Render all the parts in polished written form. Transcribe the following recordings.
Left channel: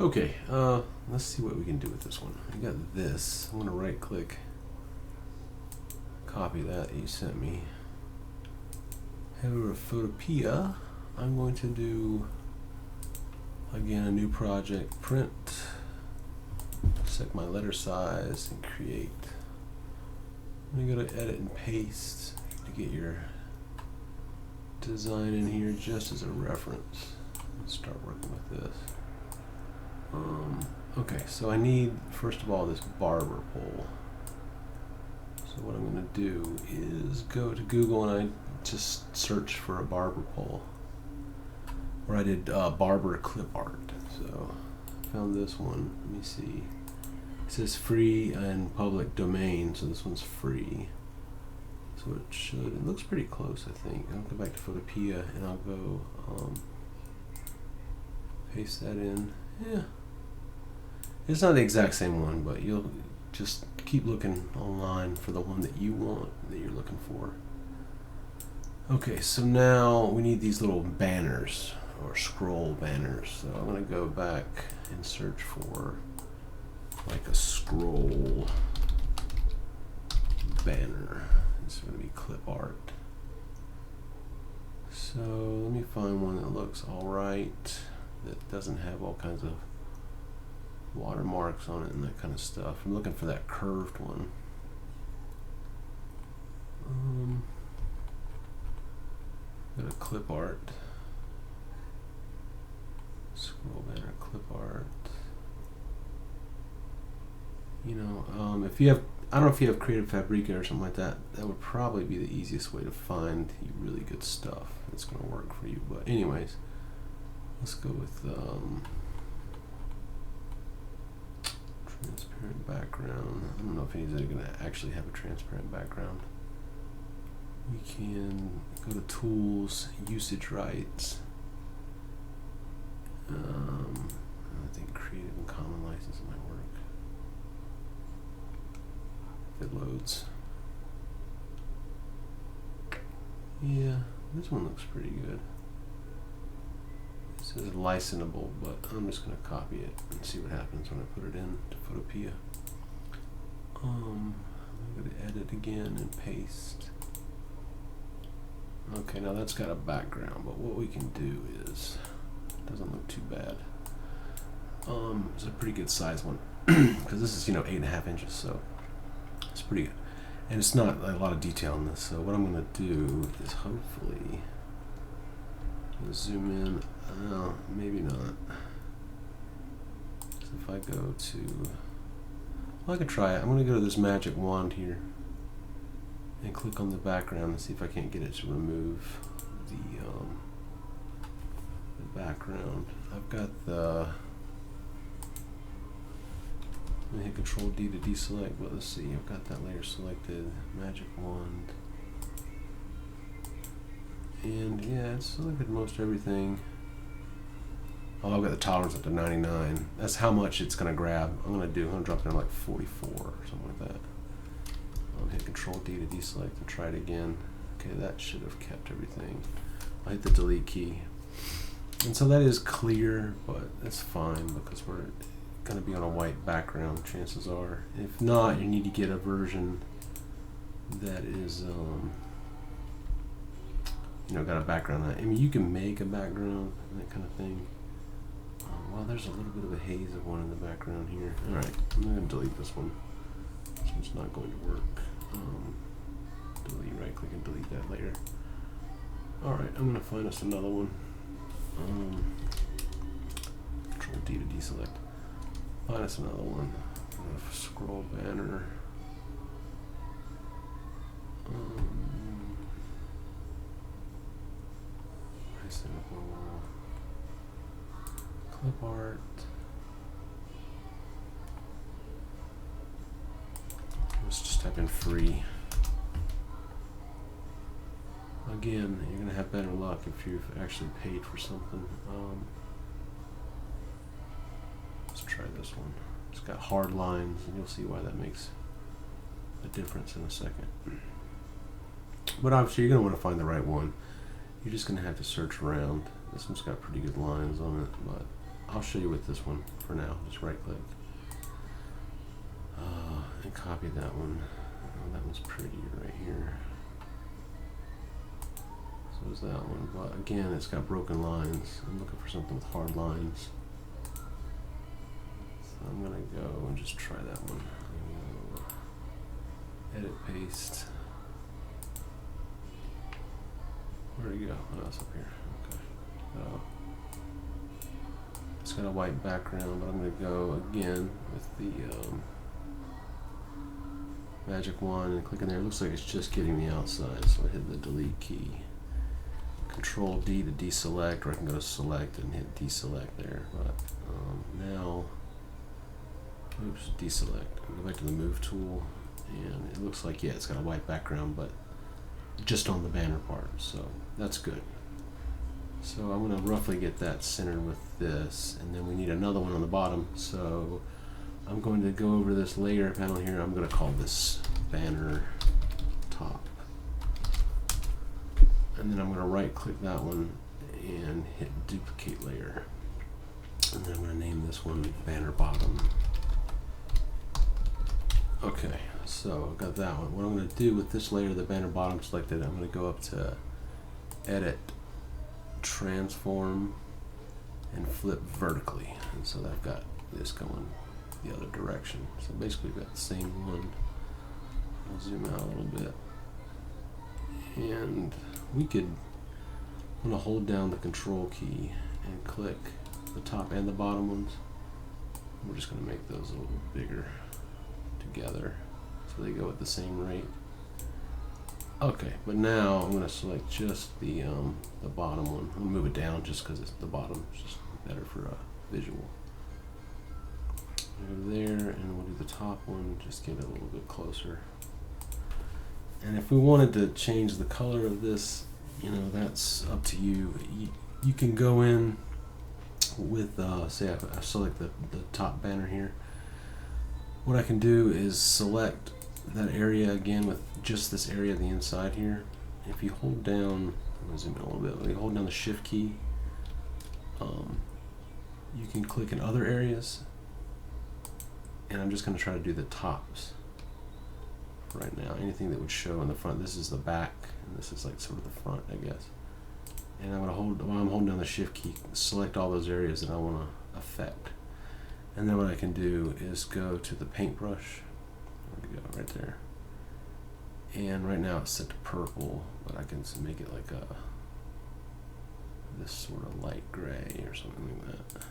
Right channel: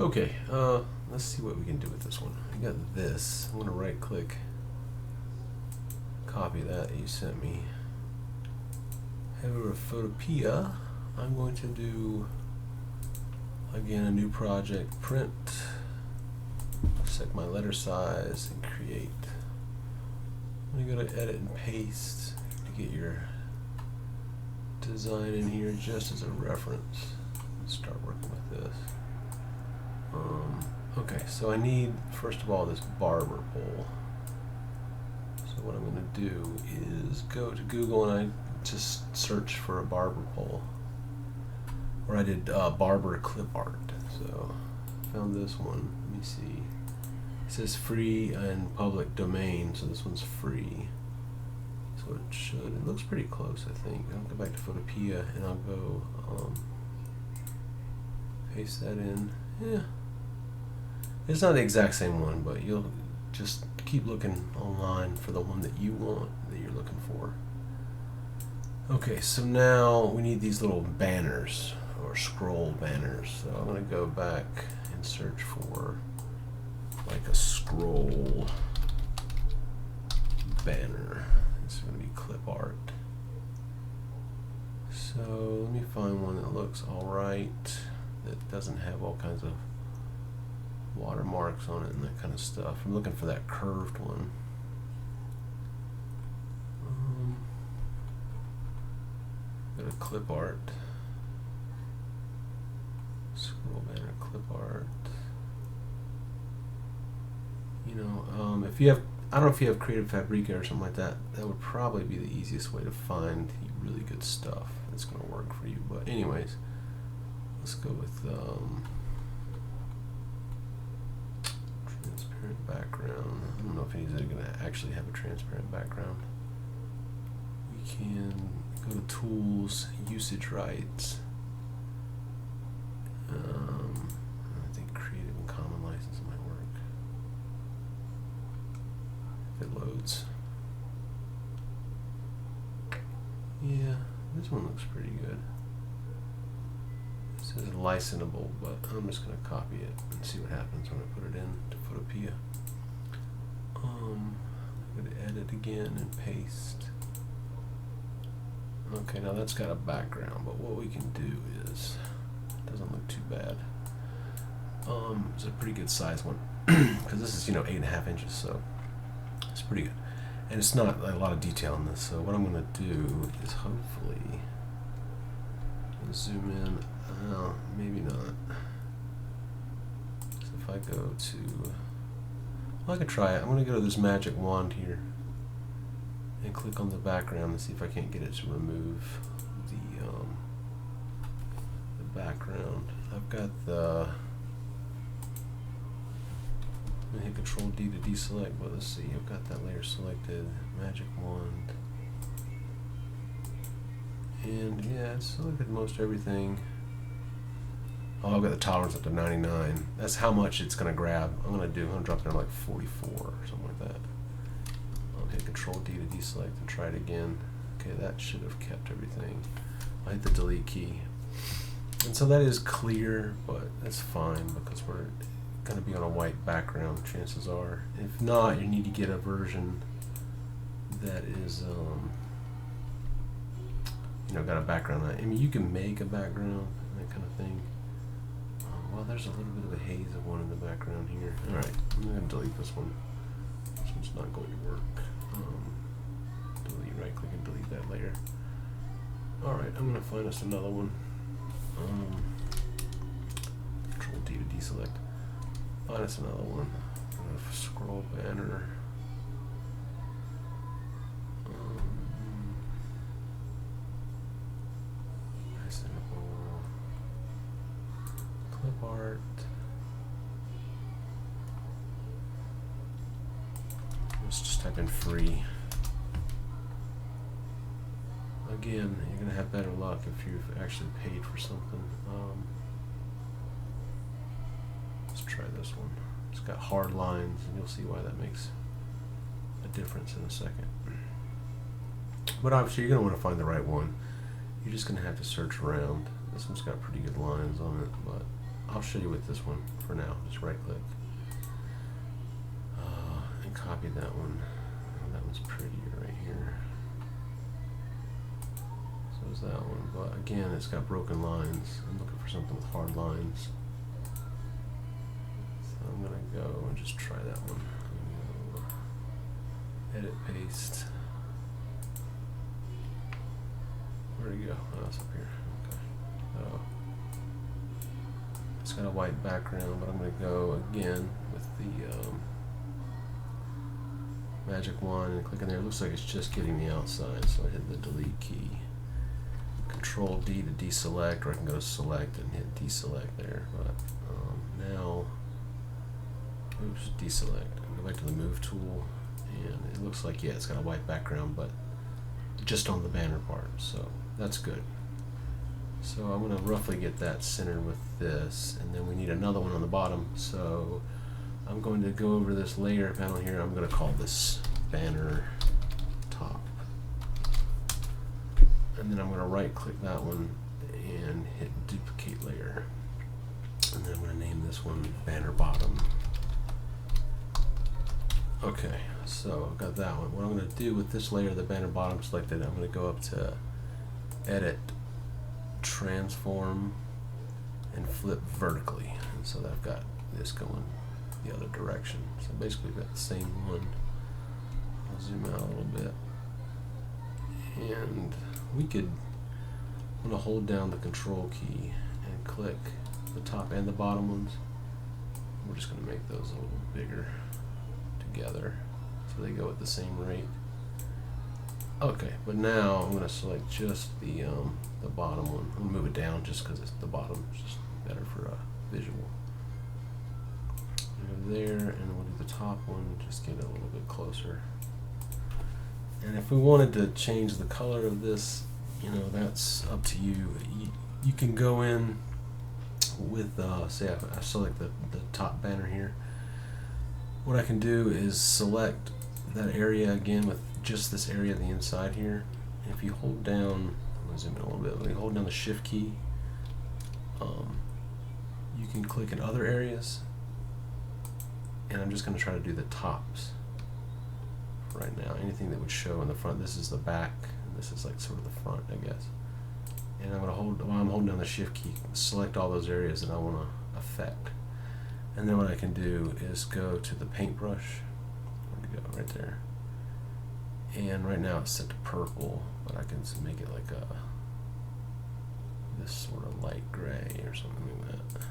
Okay, let's see what we can do with this one. I got this. I'm gonna right click, copy that you sent me. Head over to Photopea. I'm going to do, again, a new project, print, select my letter size, and create. I'm gonna go to edit and paste to get your design in here just as a reference. Let's start working with this. Okay, so I need, first of all, this barber pole. So what I'm going to do is go to Google and I just search for a barber pole. Or I did barber clip art. So I found this one. Let me see. It says free and public domain, so this one's free. So it should, it looks pretty close, I think. I'll go back to Photopea and I'll go paste that in. Yeah. It's not the exact same one, but you'll just keep looking online for the one that you want, that you're looking for. Okay, so now we need these little banners, or scroll banners. So I'm going to go back and search for like a scroll banner. It's going to be clip art. So let me find one that looks alright, that doesn't have all kinds of watermarks on it and that kind of stuff. I'm looking for that curved one. Go to clip art, scroll banner, clip art. You know, if you have, I don't know if you have Creative Fabrica or something like that, that would probably be the easiest way to find really good stuff that's going to work for you. But anyways, let's go with transparent background. I don't know if anybody's going to actually have a transparent background. We can go to tools, usage rights. I think Creative and Common license might work. If it loads. Yeah, this one looks pretty good. It says licensable, but I'm just going to copy it and see what happens when I put it in to Photopea. I'm going to edit again and paste. Okay, now that's got a background, but what we can do is, it doesn't look too bad. It's a pretty good size one, because this is, you know, 8.5 inches, so it's pretty good. And it's not a lot of detail in this, so what I'm going to do is hopefully zoom in. Maybe not. So if I go to, well, I could try it. I'm going to go to this magic wand here and click on the background and see if I can't get it to remove the background. I've got the, let me hit Control D to deselect, but let's see, I've got that layer selected, magic wand, and yeah, it's selected most everything. Oh, I've got the tolerance up to 99. That's how much it's going to grab. I'm going to drop it down to like 44 or something like that. Hit Control D to deselect and try it again. Okay, that should have kept everything. I'll hit the delete key. And so that is clear, but that's fine because we're going to be on a white background, chances are. If not, you need to get a version that is, you know, got a background on it. I mean, you can make a background and that kind of thing. Well, there's a little bit of a haze of one in the background here. Alright, I'm going to delete this one. This one's not going to work. Delete, right click and delete that later. Alright, I'm going to find us another one. Control D to deselect. Find us another one. Scroll banner. Clip art. Let's just type in free. Again, you're going to have better luck if you've actually paid for something. Let's try this one. It's got hard lines, and you'll see why that makes a difference in a second. But obviously, you're going to want to find the right one. You're just going to have to search around. This one's got pretty good lines on it, but I'll show you with this one for now. Just right click and copy that one. Oh, that one's prettier right here. So is that one, but again, it's got broken lines. I'm looking for something with hard lines. So I'm gonna go and just try that one. I'm gonna edit, paste. Where'd it go? Oh, it's up here. Okay. It's got a white background, but I'm gonna go again with the magic wand and click in there. It looks like it's just getting the outside, so I hit the delete key. Control D to deselect, or I can go to select and hit deselect there. But now, oops, deselect. Go back to the move tool, and it looks like, yeah, it's got a white background, but just on the banner part, so that's good. So I'm going to roughly get that centered with this, and then we need another one on the bottom. So I'm going to go over this layer panel here. I'm going to call this banner top. And then I'm going to right click that one and hit duplicate layer. And then I'm going to name this one banner bottom. Okay, so I've got that one. What I'm going to do with this layer, the banner bottom selected, I'm going to go up to edit, transform, and flip vertically. And so I've got this going the other direction. So basically we've got the same one. I'll zoom out a little bit. And we could, I'm going to hold down the control key and click the top and the bottom ones. We're just going to make those a little bigger together so they go at the same rate. Okay, but now I'm going to select just the bottom one. I'm going to move it down just because it's the bottom. It's just better for a visual. Go there, and we'll do the top one, just get it a little bit closer. And if we wanted to change the color of this, you know, that's up to you. You can go in with, say I select the top banner here. What I can do is select that area again with just this area on the inside here. And if you hold down, I'm going to zoom in a little bit, when you hold down the shift key, you can click in other areas. And I'm just going to try to do the tops right now. Anything that would show in the front. This is the back, and this is like sort of the front, I guess. And I'm going to hold, while I'm holding down the shift key, select all those areas that I want to affect. And then what I can do is go to the paintbrush. Where'd it go? Right there. And right now it's set to purple, but I can make it like this sort of light gray or something like that.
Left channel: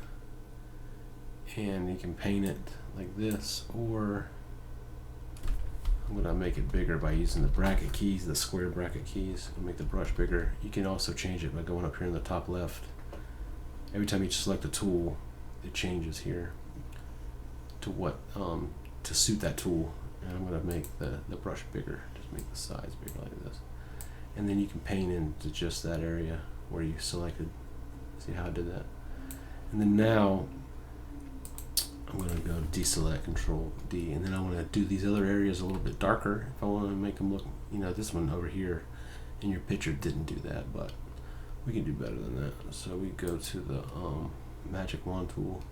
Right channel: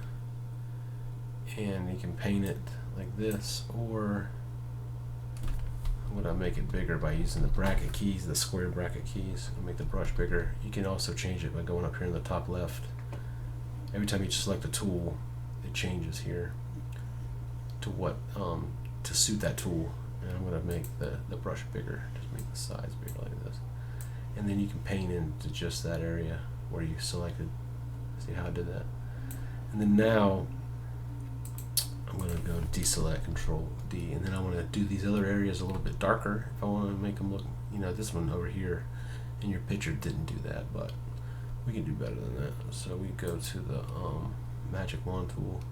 And you can paint it like this, or I'm going to make it bigger by using the bracket keys, the square bracket keys, and make the brush bigger. You can also change it by going up here in the top left. Every time you select a tool, it changes here to what to suit that tool. And I'm going to make the brush bigger, just make the size bigger like this. And then you can paint into just that area where you selected. See how I did that? And then now I'm going to go to deselect, control D, and then I want to do these other areas a little bit darker if I want to make them look, you know, this one over here in your picture didn't do that, but we can do better than that. So we go to the magic wand tool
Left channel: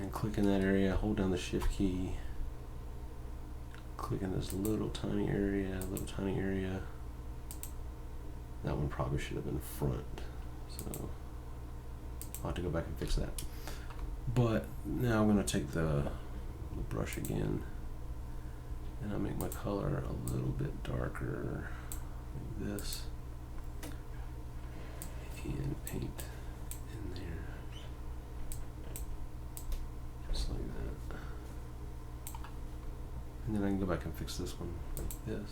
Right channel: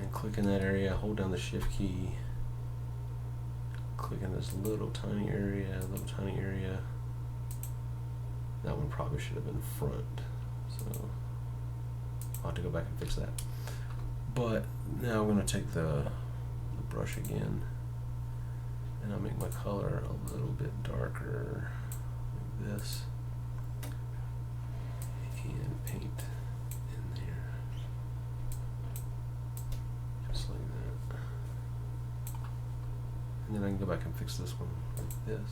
and click in that area, hold down the shift key, click in this little tiny area, That one probably should have been front, so I'll have to go back and fix that. But now I'm going to take the brush again, and I'll make my color a little bit darker, like this, and paint in there, just like that. And then I can go back and fix this one like this.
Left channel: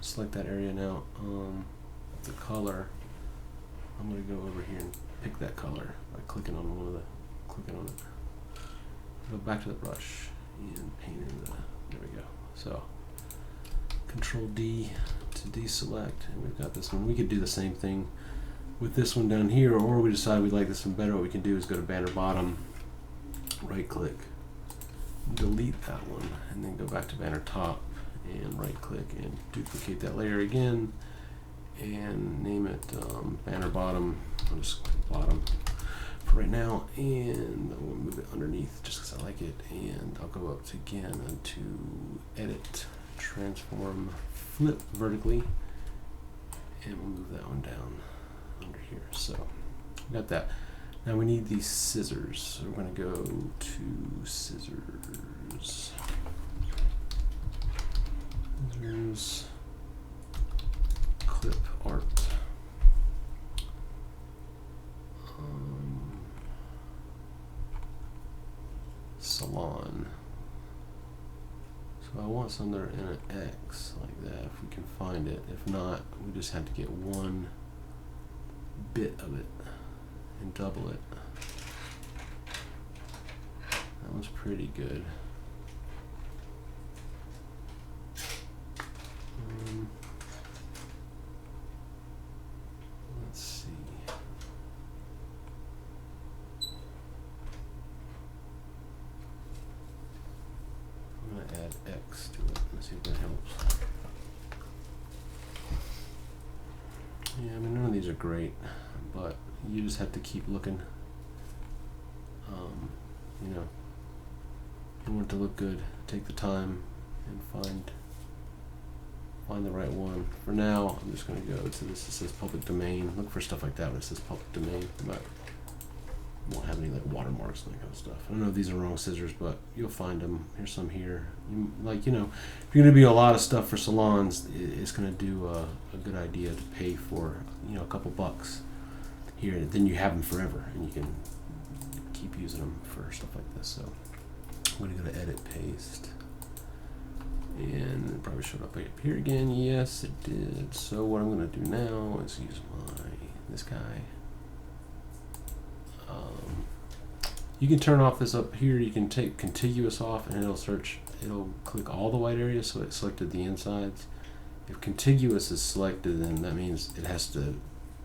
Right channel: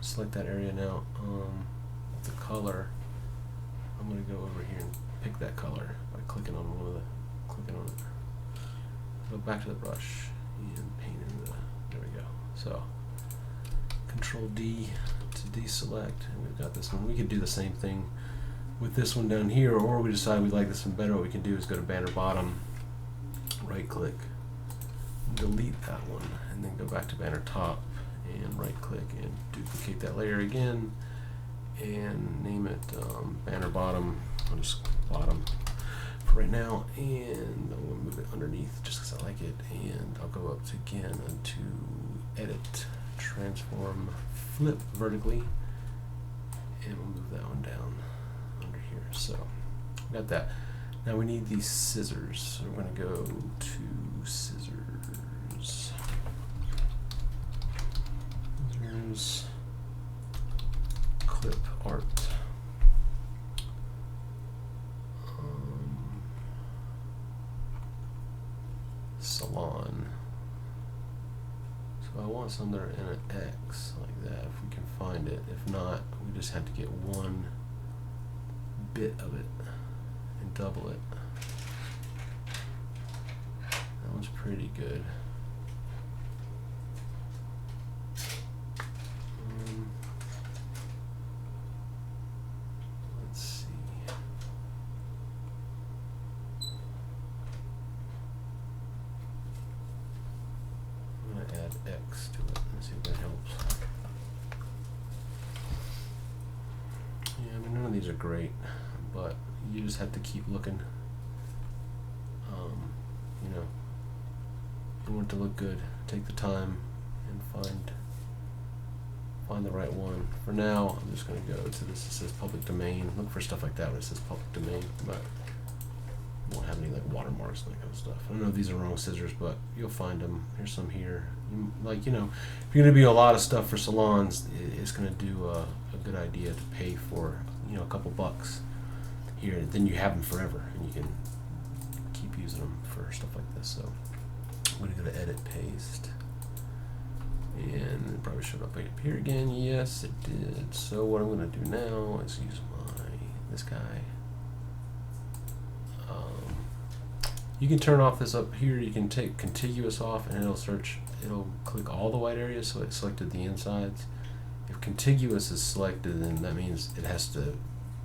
Select that area now. The color, I'm going to go over here and pick that color by clicking on it. Go back to the brush and paint in there we go. So Control D to deselect, and we've got this one. We could do the same thing with this one down here, or we decide we like this one better. What we can do is go to banner bottom, right click, delete that one, and then go back to banner top and right click and duplicate that layer again and name it banner bottom. I'll just bottom. for right now, and I'm going to move it underneath just because I like it, and I'll go up to again to edit, transform, flip vertically, and we'll move that one down under here. So we got that. Now we need these scissors, so we're going to go to scissors, clip art. Salon. So I want some that are in an X like that if we can find it. If not, we just have to get one bit of it and double it. That one's pretty good. Let's see. I'm going to add X to it and see if that helps. Yeah, I mean, none of these are great, but you just have to keep looking. You know, you want it to look good. Take the time and find the right one. For now, I'm just going to go to this. It says public domain. Look for stuff like that when it says public domain. But won't have any like watermarks and that kind of stuff. I don't know if these are wrong scissors, but you'll find them. Here's some here. If you're going to do a lot of stuff for salons, it's going to do a good idea to pay for a couple bucks here. Then you have them forever, and you can keep using them for stuff like this. So I'm going to go to edit, paste, and it probably showed up here again. Yes, it did. So what I'm going to do now is use this guy. You can turn off this up here. You can take contiguous off, and it'll click all the white areas, so it selected the insides. If contiguous is selected, then that means it has to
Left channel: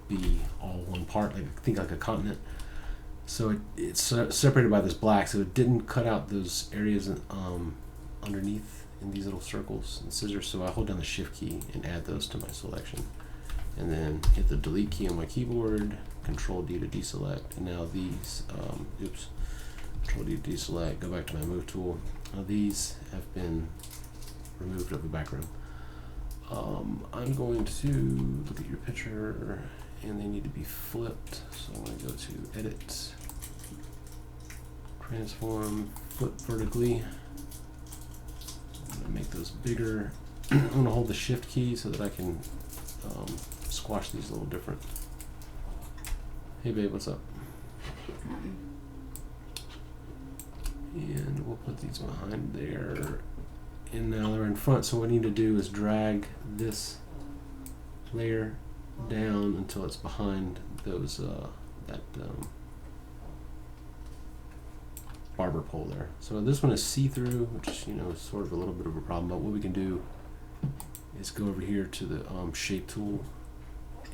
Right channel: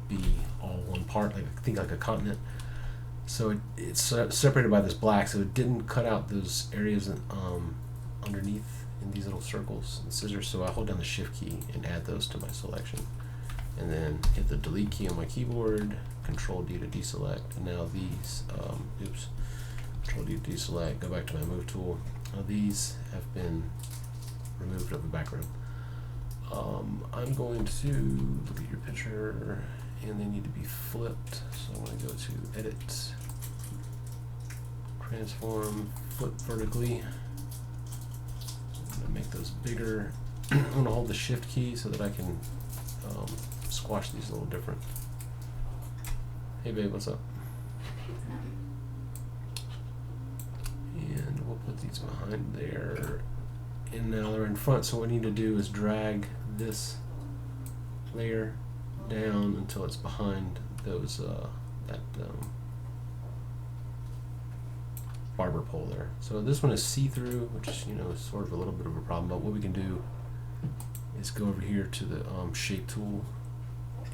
be all one part, like a continent. So it's separated by this black, so it didn't cut out those areas underneath in these little circles and scissors. So I hold down the Shift key and add those to my selection, and then hit the Delete key on my keyboard, Control D to deselect, and now these, Control D to deselect, go back to my move tool. Now these have been removed of the background. I'm going to look at your picture, and they need to be flipped. So I'm going to go to Edit, Transform, Flip vertically. I'm going to make those bigger. I'm going to hold the Shift key so that I can squash these a little different. Hey babe, what's up? And we'll put these behind there. And now they're in front, so what we need to do is drag this layer down until it's behind those that barber pole there. So this one is see-through, which is sort of a little bit of a problem, but what we can do is go over here to the shape tool,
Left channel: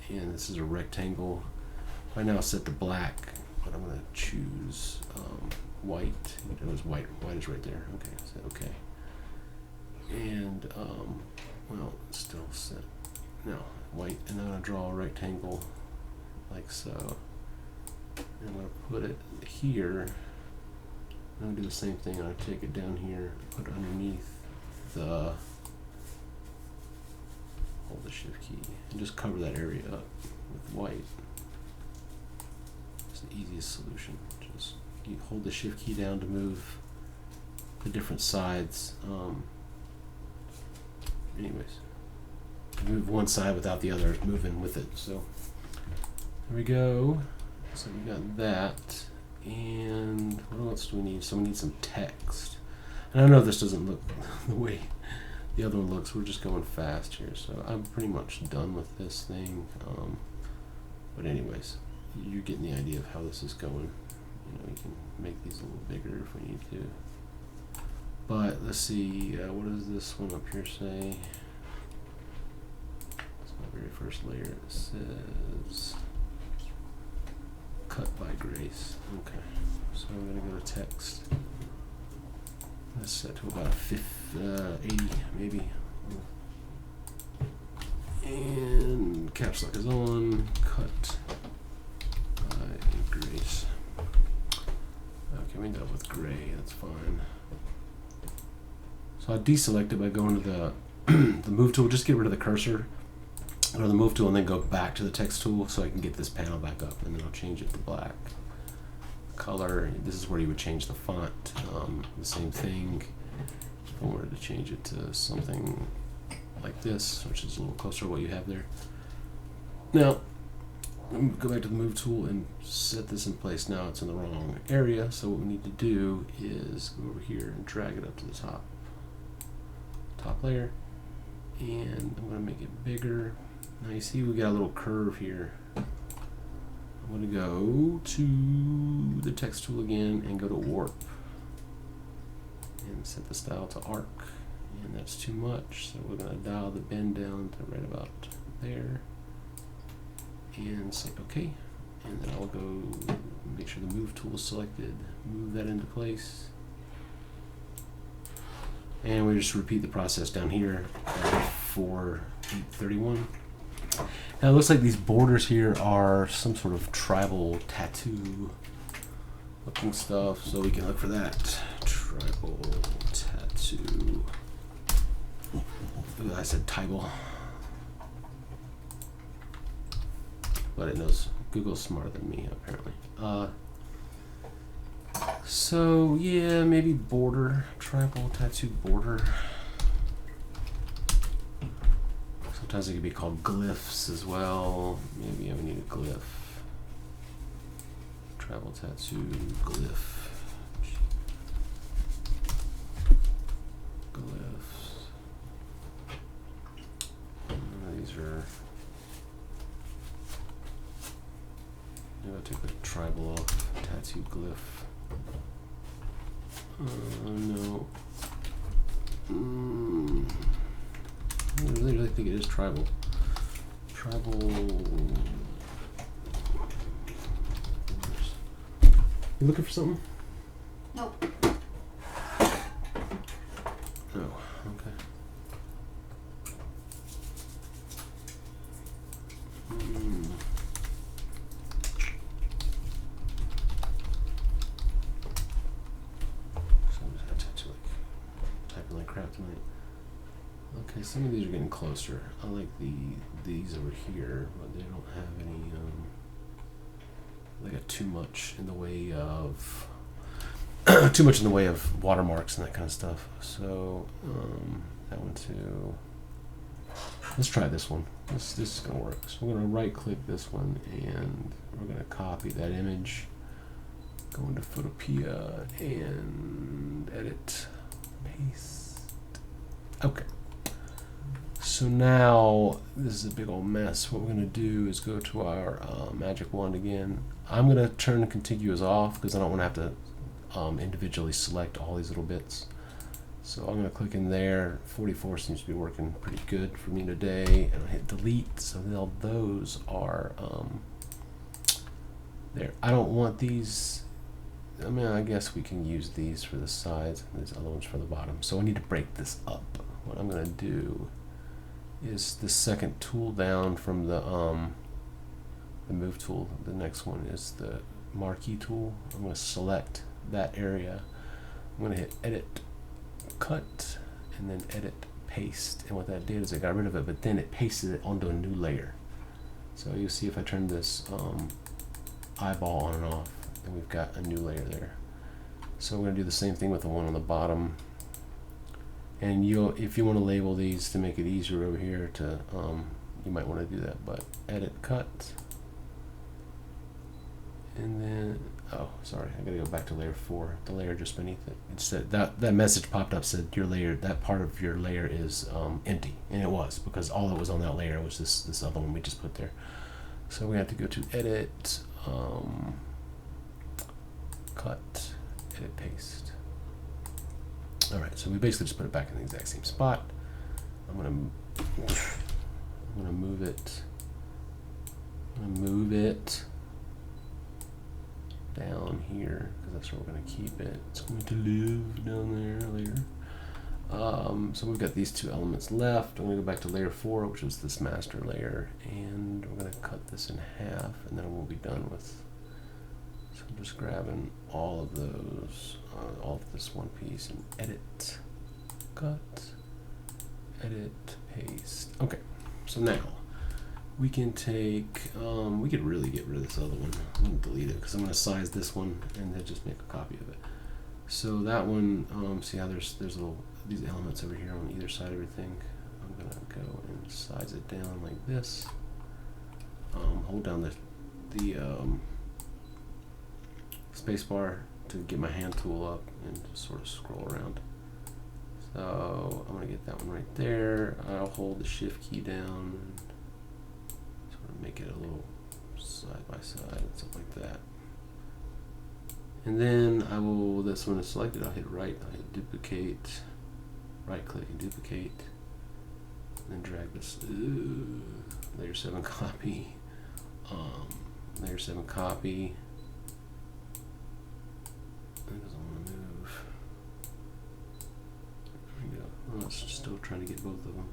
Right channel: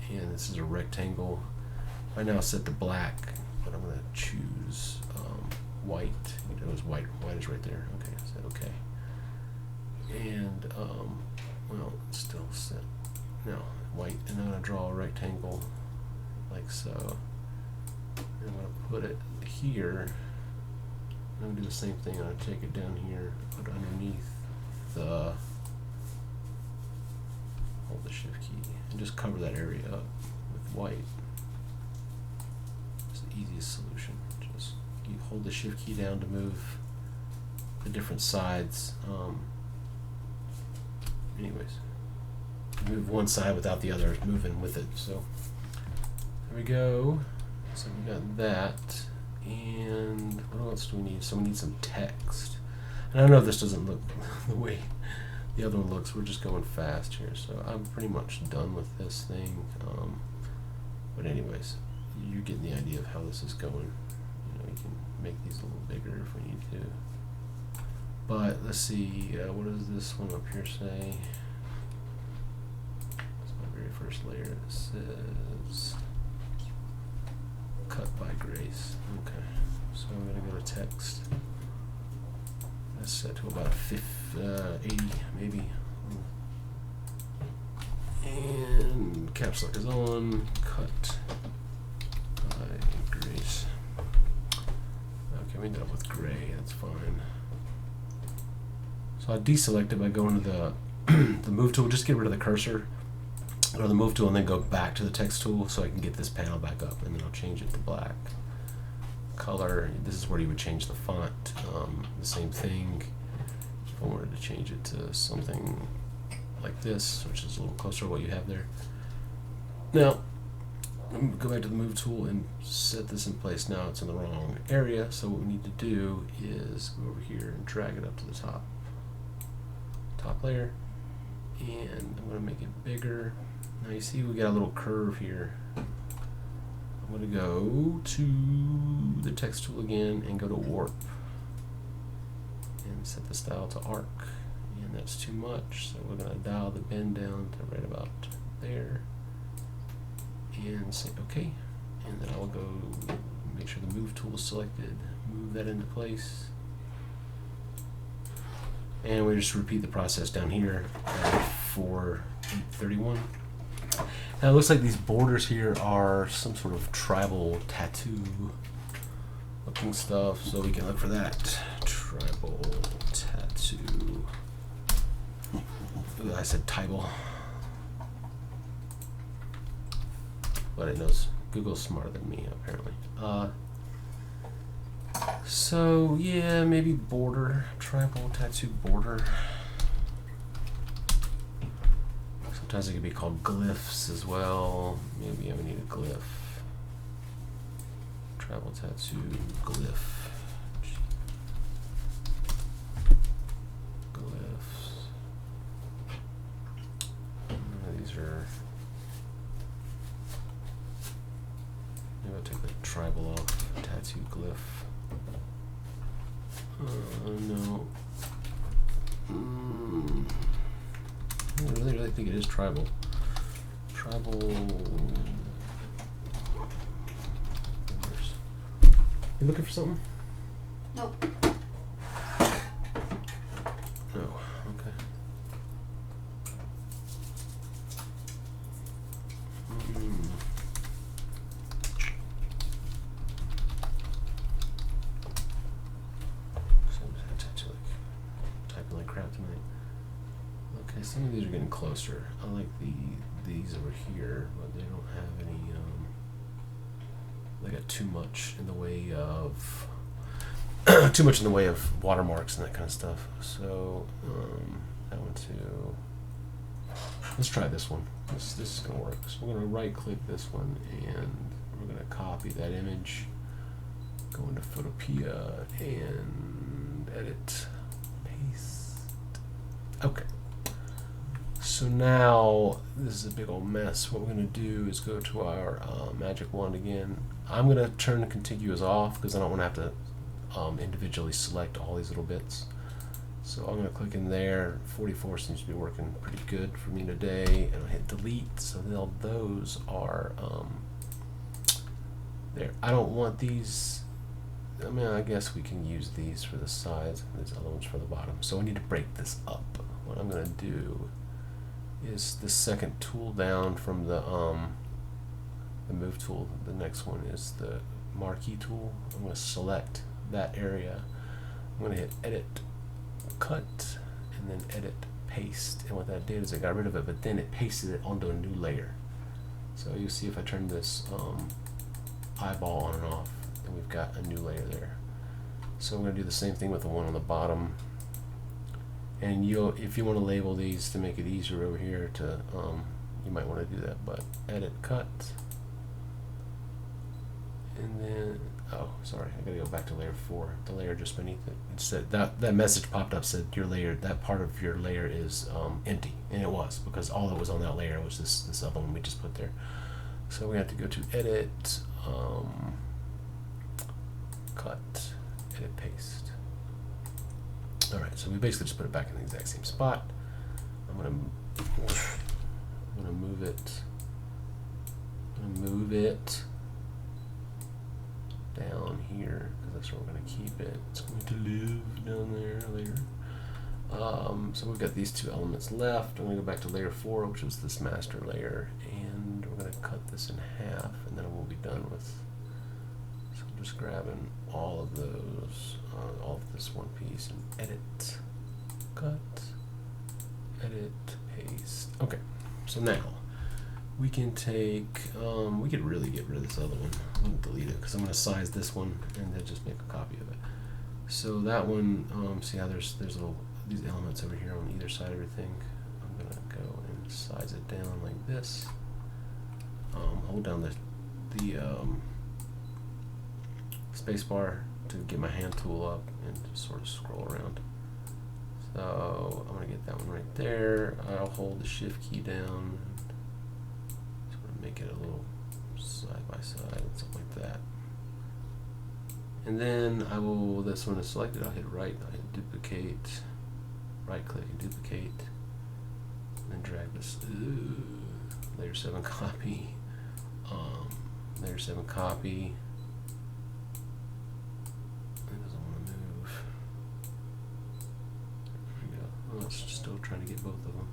and this is a rectangle. Right now it's set to black, but I'm going to choose white. It's white. White is right there. Okay, so okay. And well, it's still set. No, white, and I'm going to draw a rectangle like so. And I'm going to put it here. I'm going to do the same thing. I'm going to take it down here, put it underneath hold the Shift key, and just cover that area up with white. It's the easiest solution. Just you hold the Shift key down to move the different sides. Anyways, move one side without the other moving with it. So there we go. So we got that. And what else do we need? So we need some text. And I know this doesn't look the way the other one looks. We're just going fast here. So I'm pretty much done with this thing. But anyways, you're getting the idea of how this is going. You can make these a little bigger if we need to. But let's see, what does this one up here say? It's my very first layer. It says cut by Grace. Okay, so I'm going to go to text. That's set to about 80 maybe. And caps lock is on. Cut by Grace. Okay, we ended up with gray. That's fine. So I deselect it by going to the the move tool. Just get rid of the cursor. Go to the move tool and then go back to the text tool so I can get this panel back up, and then I'll change it to black. Color. This is where you would change the font. The same thing. If I wanted to change it to something like this, which is a little closer to what you have there. Now, go back to the move tool and set this in place. Now it's in the wrong area, so what we need to do is go over here and drag it up to the top layer, and I'm going to make it bigger. Now you see we got a little curve here. I'm going to go to the text tool again and go to warp and set the style to arc, and that's too much, so we're going to dial the bend down to right about there and say OK, and then I'll go make sure the move tool is selected, move that into place, and we just repeat the process down here for 831. Now it looks like these borders here are some sort of tribal tattoo looking stuff, so we can look for that. Tribal tattoo. Ooh, I said tribal. But it knows. Google's smarter than me, apparently. So yeah, maybe border. Tribal tattoo border. Sometimes it could be called glyphs as well. Maybe I would need a glyph. Tribal tattoo glyph. Glyphs. These are. Maybe I'll take the tribal off. Tattoo glyph. No. I really think it is tribal. Tribal. You looking for something? Nope. No. Okay. So I'm just gonna typing like crap tonight. Okay, some of these are getting closer. I like these over here, but they don't have any. They got too much in the way of watermarks and that kind of stuff. So that one too. Let's try this one. This is gonna work. So we're gonna right click this one and we're gonna copy that image. Go into Photopea and edit, paste. Okay. So now this is a big old mess. What we're going to do is go to our magic wand again. I'm going to turn the contiguous off because I don't want to have to individually select all these little bits. So I'm going to click in there. 44 seems to be working pretty good for me today, and I'll hit delete. So now those are there. I don't want these. I mean, I guess we can use these for the sides and these other ones for the bottom. So I need to break this up. What I'm going to do is the second tool down from the move tool. The next one is the marquee tool. I'm going to select that area. I'm going to hit edit, cut, and then edit, paste. And what that did is it got rid of it, but then it pasted it onto a new layer. So you'll see if I turn this eyeball on and off, and we've got a new layer there. So we're going to do the same thing with the one on the bottom. And if you want to label these to make it easier over here, you might want to do that. But edit, cut, and then sorry, I gotta go back to layer 4. The layer just beneath it. It said that message popped up, said your layer, that part of your layer is empty, and it was, because all that was on that layer was this other one we just put there. So we have to go to edit, cut, edit, paste. Alright, so we basically just put it back in the exact same spot. I'm gonna move it. I'm gonna move it down here because that's where we're gonna keep it. It's going to live down there later. So we've got these two elements left. I'm gonna go back to layer 4, which was this master layer, and we're gonna cut this in half, and then we'll be done with. So I'm just grabbing all of those, all of this one piece, and edit, cut, edit, paste. Okay, so now we can take, we could really get rid of this other one. I'm gonna delete it because I'm gonna size this one and then just make a copy of it. So that one, see how there's little, these elements over here on either side of everything. I'm gonna go and size it down like this. Hold down the space bar to get my hand tool up and just sort of scroll around. So I'm gonna get that one right there. I'll hold the shift key down and sort of make it a little side by side, something like that. And then I will, this one is selected, I'll hit right, I'll hit duplicate, right click and duplicate, and then drag this, layer 7 copy, layer 7 copy. It doesn't want to move. There we go. Oh, it's still trying to get both of them.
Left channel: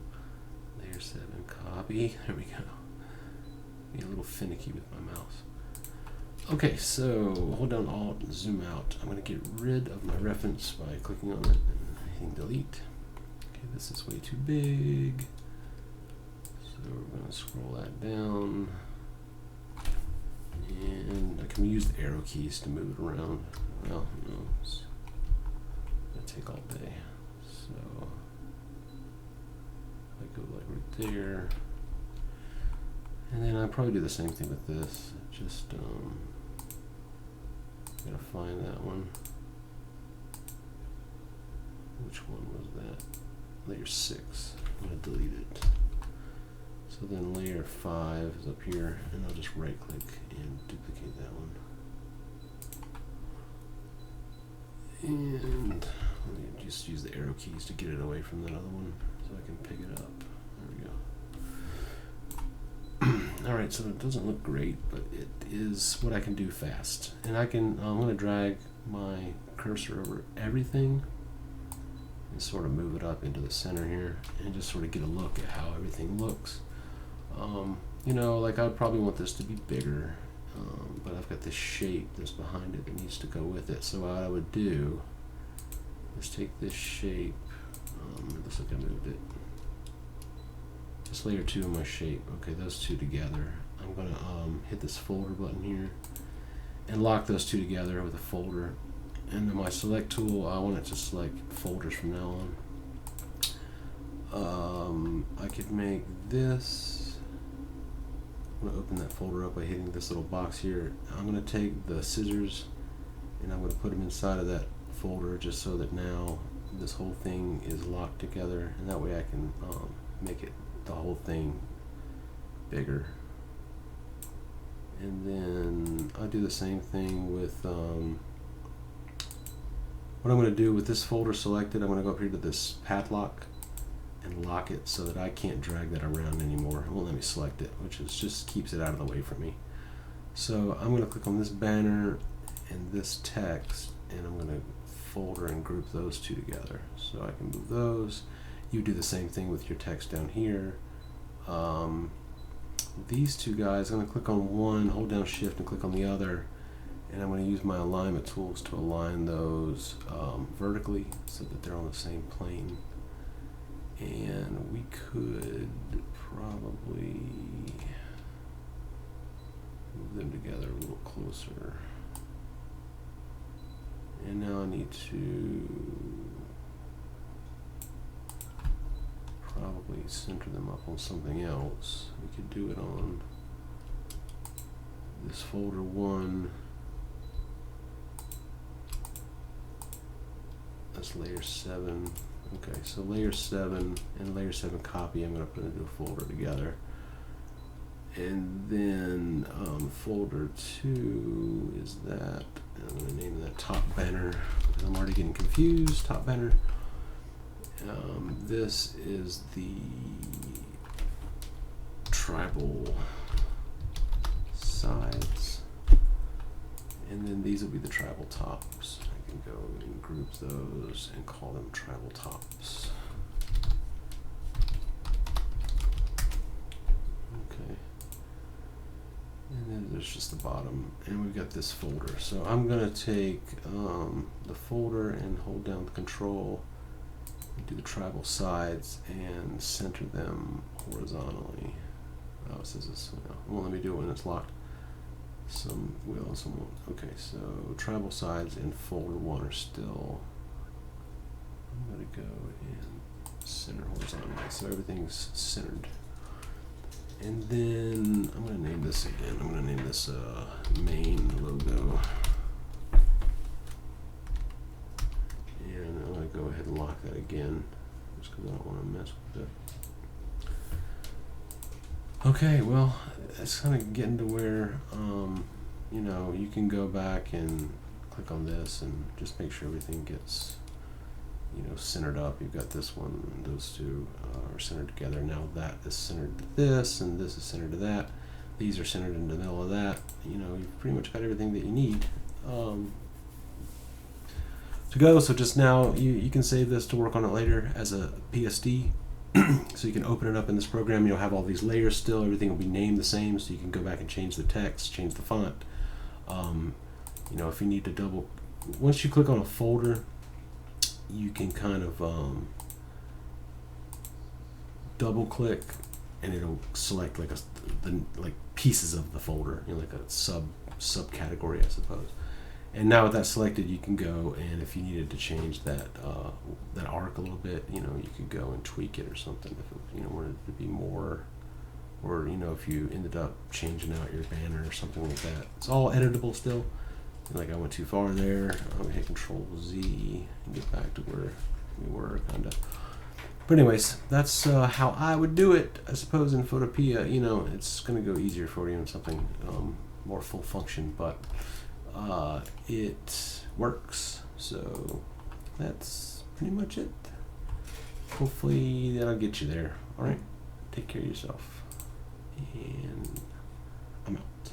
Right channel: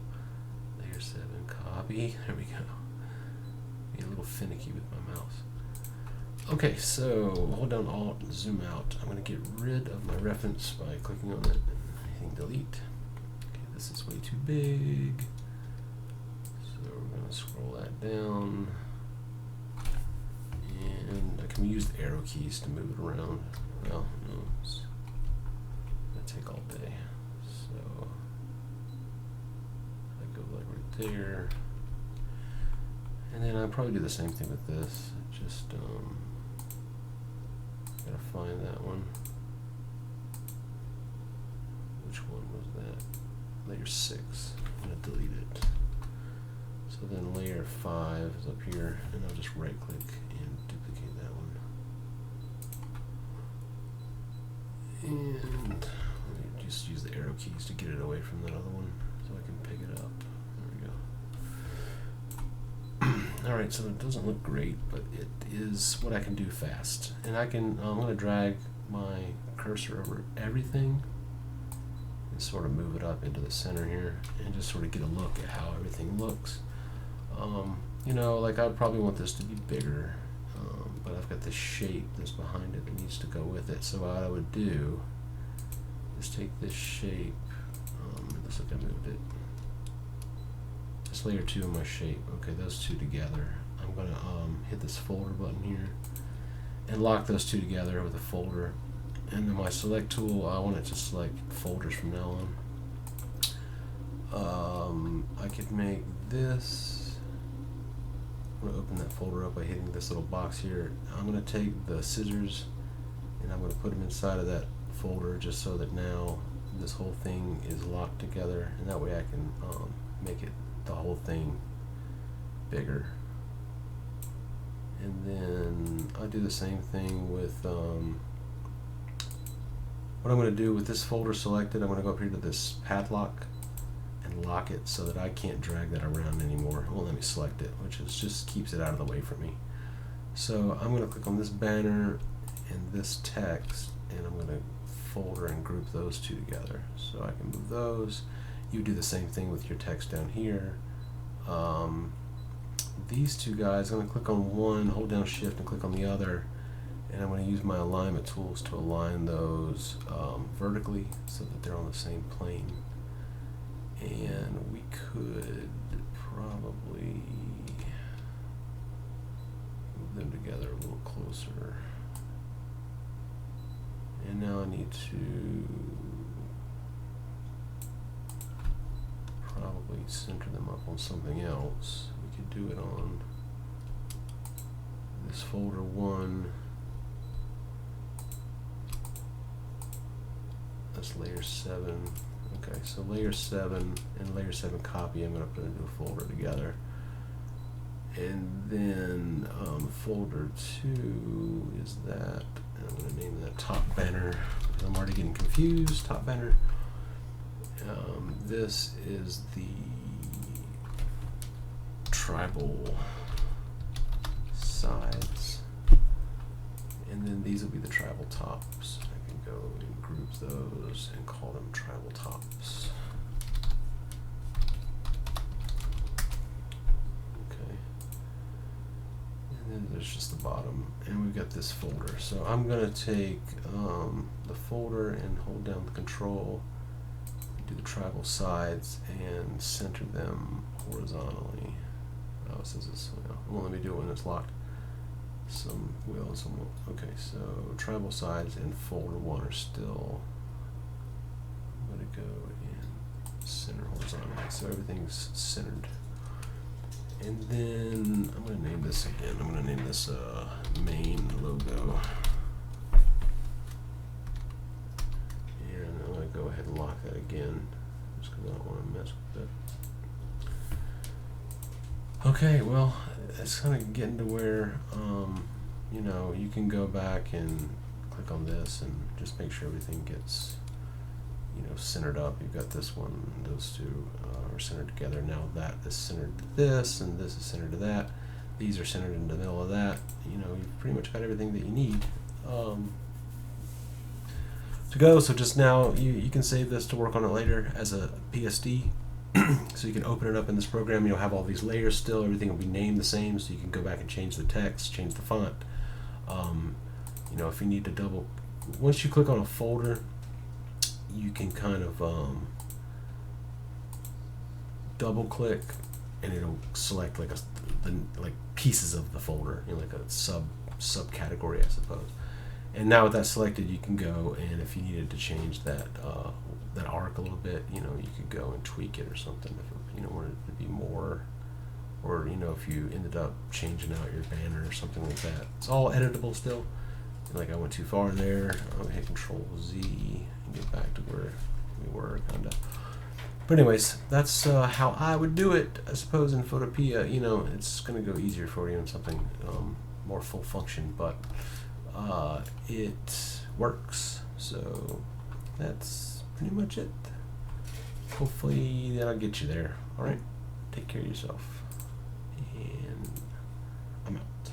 Layer 7 copy. There we go. Be a little finicky with my mouse. Okay, so hold down Alt, zoom out. I'm going to get rid of my reference by clicking on it and hitting delete. Okay, this is way too big. So we're going to scroll that down. And I can use the arrow keys to move it around. Well, no, it's going to take all day. So I go like right there. And then I'll probably do the same thing with this. Just gotta find that one. Which one was that? Layer 6. I'm gonna delete it. So then layer 5 is up here, and I'll just right click and duplicate that one. And let me just use the arrow keys to get it away from that other one so I can pick it up. There we go. Alright, so it doesn't look great, but it is what I can do fast. And I can, I'm going to drag my cursor over everything and sort of move it up into the center here and just sort of get a look at how everything looks. You know, like I'd probably want this to be bigger, but I've got this shape that's behind it that needs to go with it. So what I would do is take this shape, it looks like I moved it. It's layer 2 of my shape. Okay, those two together. I'm gonna hit this folder button here and lock those two together with a folder. And then my select tool, I want it to select folders from now on. I could make this. I'm gonna open that folder up by hitting this little box here. I'm gonna take the scissors and I'm gonna put them inside of that folder just so that now this whole thing is locked together, and that way I can make it the whole thing bigger. And then I'll do the same thing with what I'm going to do with this folder selected. I'm going to go up here to this padlock and lock it so that I can't drag that around anymore. It won't let me select it, which is just keeps it out of the way for me. So I'm going to click on this banner and this text, and I'm going to folder and group those two together so I can move those. You do the same thing with your text down here. These two guys, I'm going to click on one, hold down shift and click on the other, and I'm going to use my alignment tools to align those vertically so that they're on the same plane. And we could probably move them together a little closer. And now I need to probably center them up on something else. We could do it on this folder 1. That's layer 7. Okay, so layer 7 and layer 7 copy I'm going to put into a folder together. And then folder 2 is that. And I'm going to name that top banner because I'm already getting confused. Top banner. This is the tribal sides, and then these will be the tribal tops. I can go and group those and call them tribal tops. Okay. And then there's just the bottom, and we've got this folder. So I'm gonna take the folder and hold down the control, do the tribal sides, and center them horizontally. Oh, it says this. Well, it won't let me do it when it's locked. Some will and some won't. Okay, so tribal sides and folder 1 are still. I'm gonna go and center horizontally, so everything's centered. And then I'm going to name this again. I'm going to name this main logo. And I'm going to go ahead and lock that again, just because I don't want to mess with it. Okay, well, it's kind of getting to where, you know, you can go back and click on this and just make sure everything gets, you know, centered up. You've got this one, those two are centered together. Now that is centered to this, and this is centered to that. These are centered in the middle of that. You know, you've pretty much got everything that you need to go. So just now, you can save this to work on it later as a PSD. So you can open it up in this program. You'll have all these layers still. Everything will be named the same, so you can go back and change the text, change the font. You know, if you need to once you click on a folder, you can kind of double click and it'll select like like pieces of the folder, you know, like a subcategory, I suppose. And now with that selected, you can go, and if you needed to change that that arc a little bit, you know, you could go and tweak it or something if it, you know, wanted it to be more, or you know, if you ended up changing out your banner or something like that. It's all editable still. Like I went too far there. I'm gonna hit Control Z and get back to where we were, kind of. But anyways, that's how I would do it. I suppose in Photopea, you know, it's gonna go easier for you in something more full function, but it works. So that's pretty much it. Hopefully that'll get you there. All right, take care of yourself, and I'm out.